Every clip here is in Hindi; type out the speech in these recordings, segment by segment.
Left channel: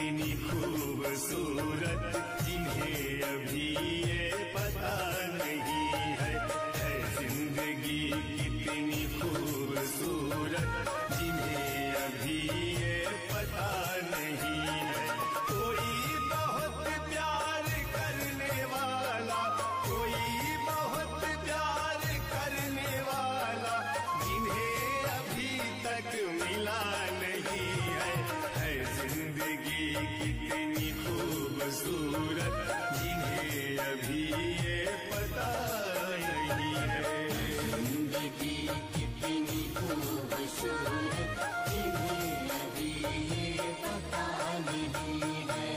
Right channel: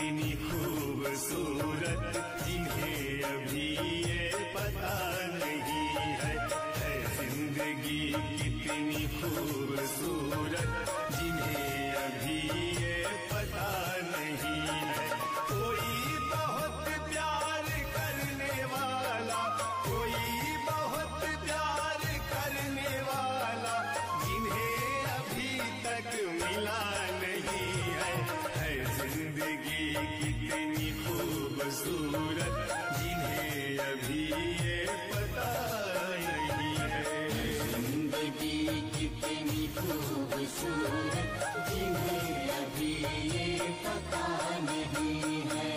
कितनी खूबसूरत जिन्हें अभी ये पता नहीं है जिंदगी कितनी खूबसूरत जिन्हें अभी ये पता नहीं है। कोई बहुत प्यार करने वाला, कोई बहुत प्यार करने वाला जिन्हें अभी तक मिला नहीं है जिंदगी कितनी खूबसूरत जिन्हें अभी ये पता नहीं है। जिंदगी कितनी खूबसूरत जिन्हें अभी ये पता नहीं है।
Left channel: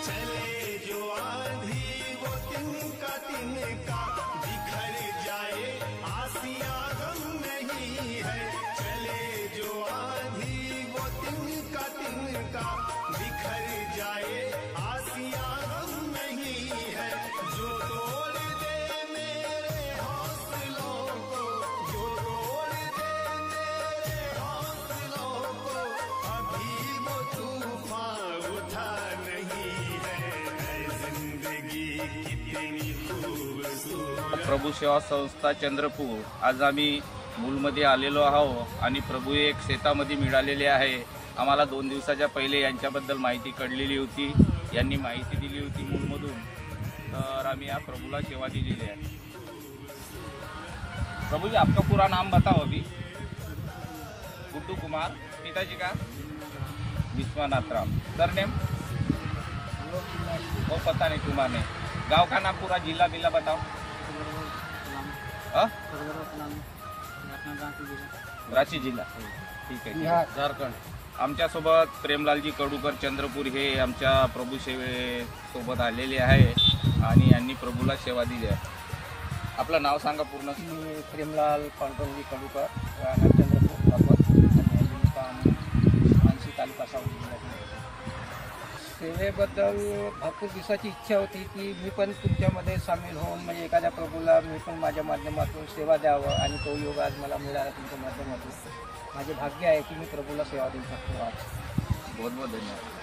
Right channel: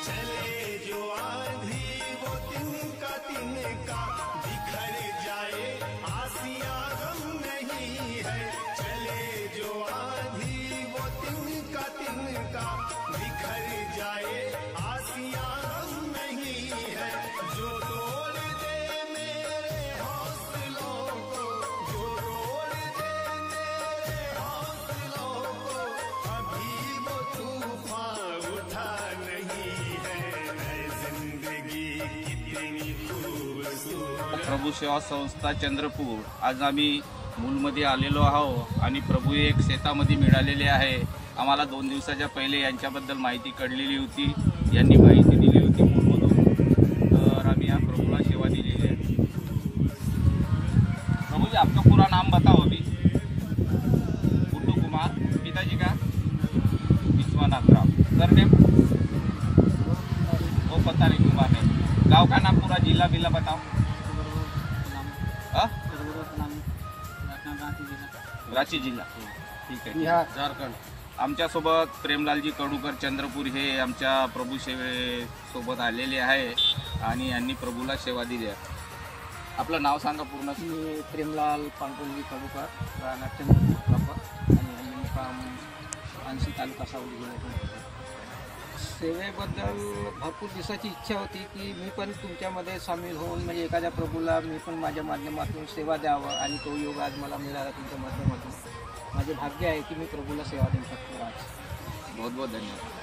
चले जो आंधी वो तिनका तिनका बिखर जाए आसियां गम नहीं है। चले जो आंधी वो तिनका तिनका बिखर जाए आसियां गम नहीं है। जो तोड़ दे मेरे हौसलों को, जो तोड़ दे मेरे हौसलों को अभी वो तूफान उठा नहीं है जिंदगी कितनी खूबसूरत। प्रभू सेवा संस्था चंद्रपूर आज आम्ही मूलमध्ये आलेलो आहोत आणि प्रभू एक शेतामध्ये मिळालेले आहे। आम्हाला 2 दिवसाच्या पहिले यांच्याबद्दल माहिती कळलेली होती, यांनी माहिती दिली होती मूलमधून, तर आम्ही या प्रभूला सेवा दिलेली आहे। प्रभू जी आपका पूरा नाम बताओ अभी। गुड्डू कुमार, पिताजी का विश्वनाथ राम, सरनेम वो पता नहीं, कुमार नहीं। गांव का नाम पूरा, जिला बिला बताओ। रांची जिल्हा, ठीक आहे, झारखंड। आमच्यासोबत प्रेमलालजी कडूकर चंद्रपूर हे आमच्या प्रभू सेवेसोबत आलेले आहे आणि यांनी प्रभूला सेवा दिली आहे। आपलं नाव सांगा पूर्ण। मी प्रेमलाल पांडुरंगजी कडूकर, राहणार चंद्रपूर प्रॉपर आणि मुक्काम मानसी तालुका सावली जिल्ह्यात। सेवेबद्दल भरपूर दिवसाची इच्छा होती की मी पण तुमच्यामध्ये सामील होऊन म्हणजे एखाद्या प्रभूला मी पण माझ्या माध्यमातून सेवा द्यावं आणि तो योग आज मला मिळाला तुमच्या माध्यमातून। माझे भाग्य आहे की मी प्रभूला सेवा देऊ शकतो आज। बहुत बहुत धन्यवाद।